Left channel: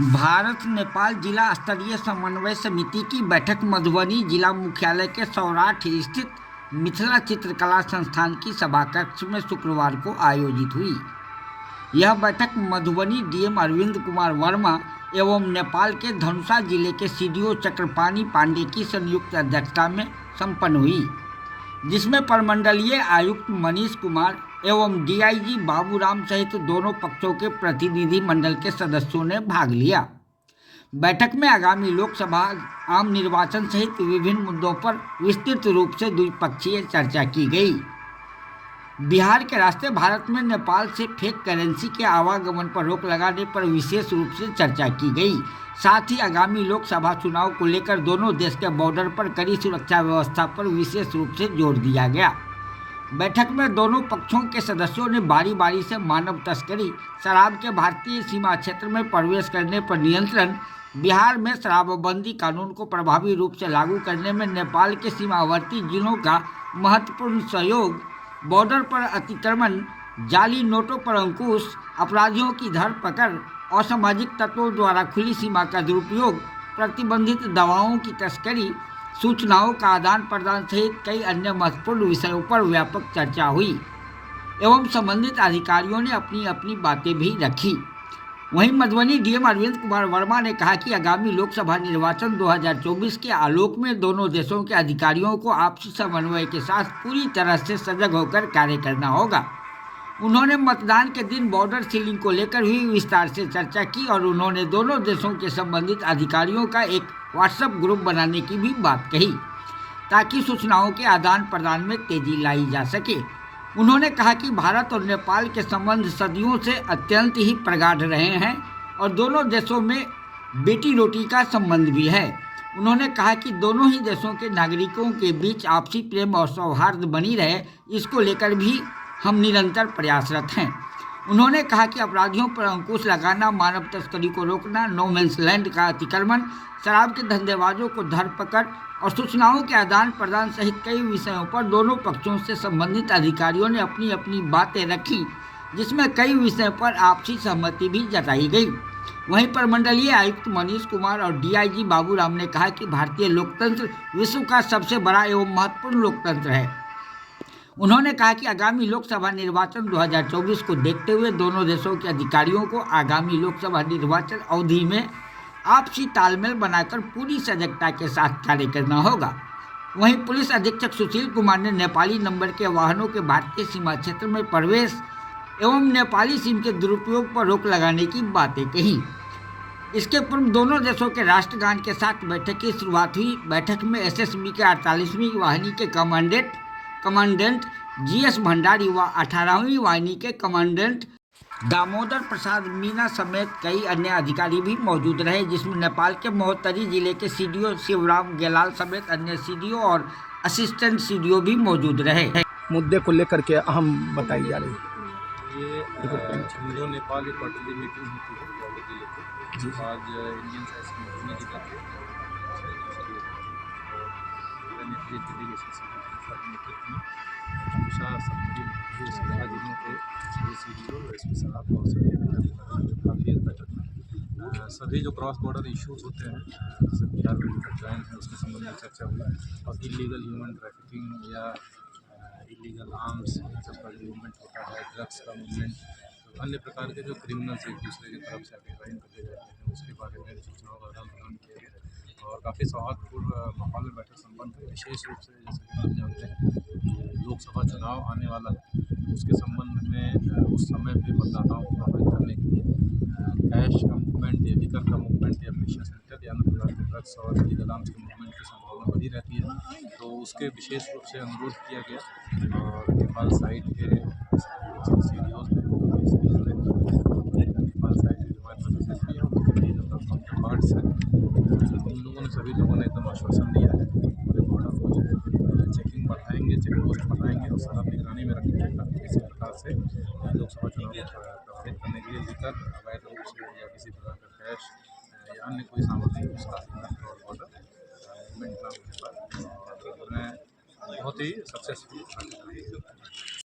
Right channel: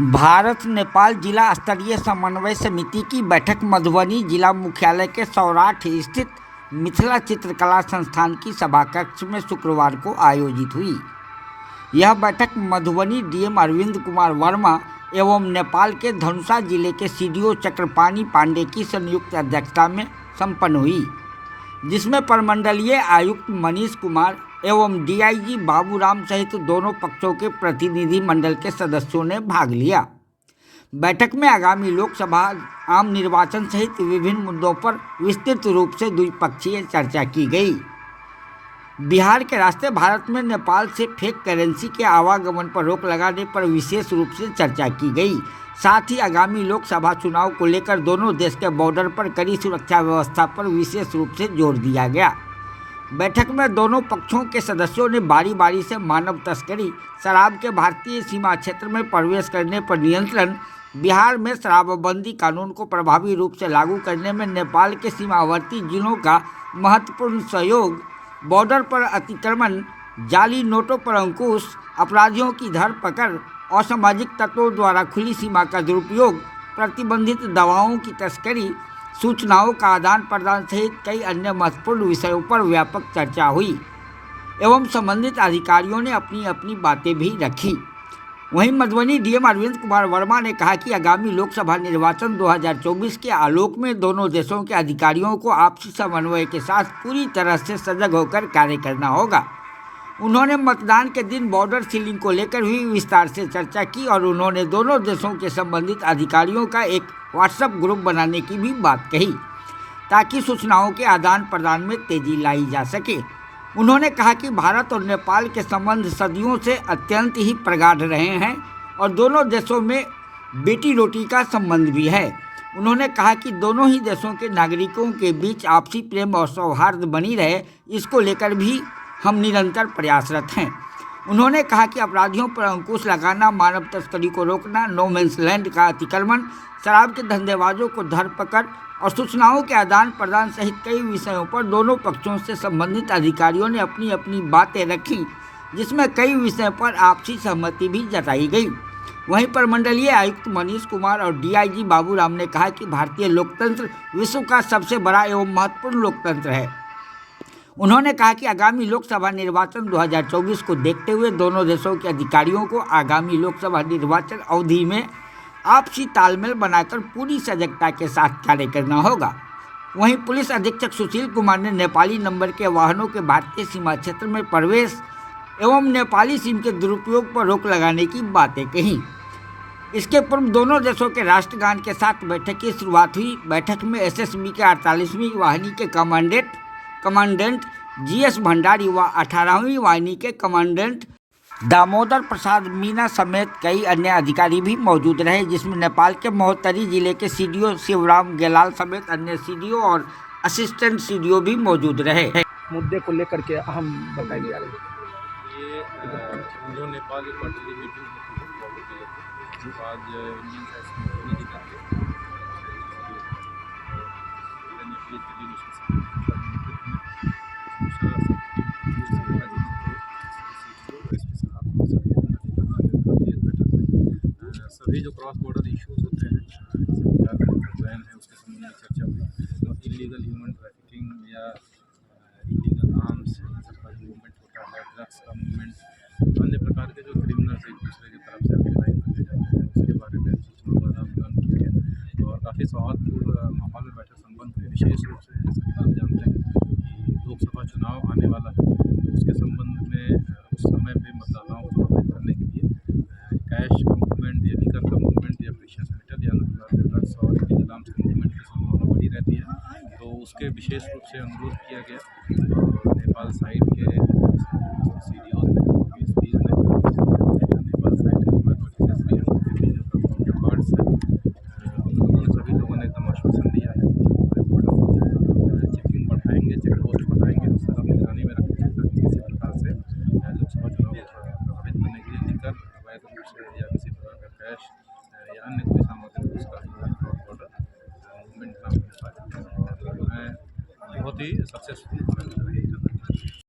भारत नेपाल जिला स्तरीय समन्वय समिति की बैठक मधुबनी जिला मुख्यालय के सौराठ स्थित मिथिला चित्रकला संस्थान की सभाकक्ष में शुक्रवार को आयोजित हुई। यह बैठक मधुबनी डीएम अरविंद कुमार वर्मा एवं नेपाल के धनुषा जिले के सीडीओ चक्रपाणी पांडे की संयुक्त अध्यक्षता में संपन्न हुई, जिसमें प्रमंडलीय आयुक्त मनीष कुमार एवं डीआईजी बाबूराम सहित दोनों पक्षों के प्रतिनिधि मंडल के सदस्यों ने भाग लिया। बैठक में आगामी लोकसभा आम निर्वाचन सहित विभिन्न मुद्दों पर विस्तृत रूप से द्विपक्षीय चर्चा की गई। बिहार के रास्ते भारत में नेपाल से फेक करेंसी के आवागमन पर रोक लगाने पर विशेष रूप से चर्चा की गई। साथ ही आगामी लोकसभा चुनाव को लेकर दोनों देश के बॉर्डर पर कड़ी सुरक्षा व्यवस्था पर विशेष रूप से जोर दिया गया। बैठक में दोनों पक्षों के सदस्यों ने बारी बारी से मानव तस्करी, शराब के भारतीय सीमा क्षेत्र में प्रवेश करने पर नियंत्रण, बिहार में शराबबंदी कानून को प्रभावी रूप से लागू करने में नेपाल के सीमावर्ती जिलों का महत्वपूर्ण सहयोग, बॉर्डर पर अतिक्रमण, जाली नोटों पर अंकुश, अपराधियों की धरपकड़, असामाजिक तत्वों द्वारा खुली सीमा का दुरुपयोग, प्रतिबंधित दवाओं की तस्करी, सूचनाओं का आदान प्रदान सहित कई अन्य महत्वपूर्ण विषयों पर व्यापक चर्चा हुई एवं संबंधित अधिकारियों ने अपनी अपनी बातें भी रखी। वहीं मधुबनी डीएम अरविंद कुमार वर्मा ने कहा कि आगामी लोकसभा निर्वाचन 2024 के आलोक में दोनों देशों के अधिकारियों को आपसी समन्वय के साथ पूरी तरह से सजग होकर कार्य करना होगा। उन्होंने मतदान के दिन बॉर्डर सीलिंग को लेकर हुई विस्तार से चर्चा की और उन्होंने दोनों देशों के संबंधित अधिकारियों का एक व्हाट्सएप ग्रुप बनाने की भी बात कही, ताकि सूचनाओं के आदान प्रदान में तेजी लाई जा सके। उन्होंने कहा कि भारत और नेपाल के संबंध सदियों से अत्यंत ही प्रगाढ़ रहे हैं और दोनों देशों में बेटी रोटी का संबंध भी है। उन्होंने कहा कि दोनों ही देशों के नागरिकों के बीच आपसी प्रेम और सौहार्द बनी रहे, इसको लेकर भी हम निरंतर प्रयासरत हैं। उन्होंने कहा कि अपराधियों पर अंकुश लगाना, मानव तस्करी को रोकना, नो मैंस लैंड का अतिक्रमण, शराब के धंधेबाजों को धरपकड़ और सूचनाओं के आदान प्रदान सहित कई विषयों पर दोनों पक्षों से संबंधित अधिकारियों ने अपनी अपनी बातें रखी, जिसमें कई विषयों पर आपसी सहमति भी जताई गई। वहीं प्रमंडलीय आयुक्त मनीष कुमार और डीआईजी बाबूराम ने कहा कि भारतीय लोकतंत्र विश्व का सबसे बड़ा एवं महत्वपूर्ण लोकतंत्र है। उन्होंने कहा कि आगामी लोकसभा निर्वाचन 2024 को देखते हुए दोनों देशों के अधिकारियों को आगामी लोकसभा निर्वाचन अवधि में आपसी तालमेल बनाकर पूरी सजगता के साथ कार्य करना होगा। वहीं पुलिस अधीक्षक सुशील कुमार ने नेपाली नंबर के वाहनों के भारतीय सीमा क्षेत्र में प्रवेश एवं नेपाली सिम के दुरुपयोग पर रोक लगाने की बातें कही। इसके पूर्व दोनों देशों के राष्ट्रगान के साथ बैठक की शुरुआत हुई। बैठक में एसएसबी के 48वीं वाहिनी के कमांडेंट जीएस भंडारी व 18वीं वाहिनी के कमांडेंट दामोदर प्रसाद मीना समेत कई अन्य अधिकारी भी मौजूद रहे, जिसमें नेपाल के महोत्तरी जिले के सीडीओ शिवराम गेलाल समेत अन्य सीडीओ और असिस्टेंट सीडीओ भी मौजूद रहे। मुद्दे को लेकर के अहम बताई जा रही है। ये इंडो नेपाल की क्वार्टरली मीटिंग होती है जिले की। आज इंडियन सभी जो क्रॉस बॉर्डर इश्यूज होते हैं बिहार में ज्वाइन है, उसके संबंध में चर्चा हुई और इलीगल ह्यूमन ट्रैफिकिंग या इलीगल आर्म्स सब का जो मूवमेंट होता है, ड्रग्स का मूवमेंट, तो अन्य प्रकार के जो क्रिमिनल्स एक दूसरे की तरफ से अभिप्राय करते जाते हैं, उसके बारे में सूचनाओं का आदान प्रदान किया गया और काफ़ी सौहार्दपूर्ण माहौल में बैठक संपन्न हुई। विशेष रूप से जैसे कि आप जानते हैं कि लोकसभा चुनाव आने वाला है, तो उसके संबंध में उस समय पर मतदाताओं को प्रभावित करने के लिए कैश का मूवमेंट या लिकर का मूवमेंट या प्रेशियस मेटल या अन्य प्रकार के ड्रग्स और इलीगल आर्म्स के मूवमेंट की संभावना बढ़ी रहती है, तो उसके विशेष रूप से अनुरोध किया गया और नेपाल साइड के सीडीओज ने, एसपीज ने, नेपाल साइड के हमारे पास एसपी हैं, उनके भी जो काउंटर पार्ट्स हैं, उन लोगों ने, सभी लोगों ने एकदम आश्वासन दिया है पूरे बॉर्डर को चेकिंग बढ़ाएंगे, चेक पोस्ट बढ़ाएंगे और सरहद निगरानी में रखेंगे ताकि किसी प्रकार से लोकसभा चुनाव को प्रभावित करने के लिए लेकर अवैध रूप से या किसी प्रकार का कैश या अन्य कोई सामग्री उसका क्रॉस बॉर्डर मूवमेंट ना हो पाए और मैं बहुत ही सक्सेसफुल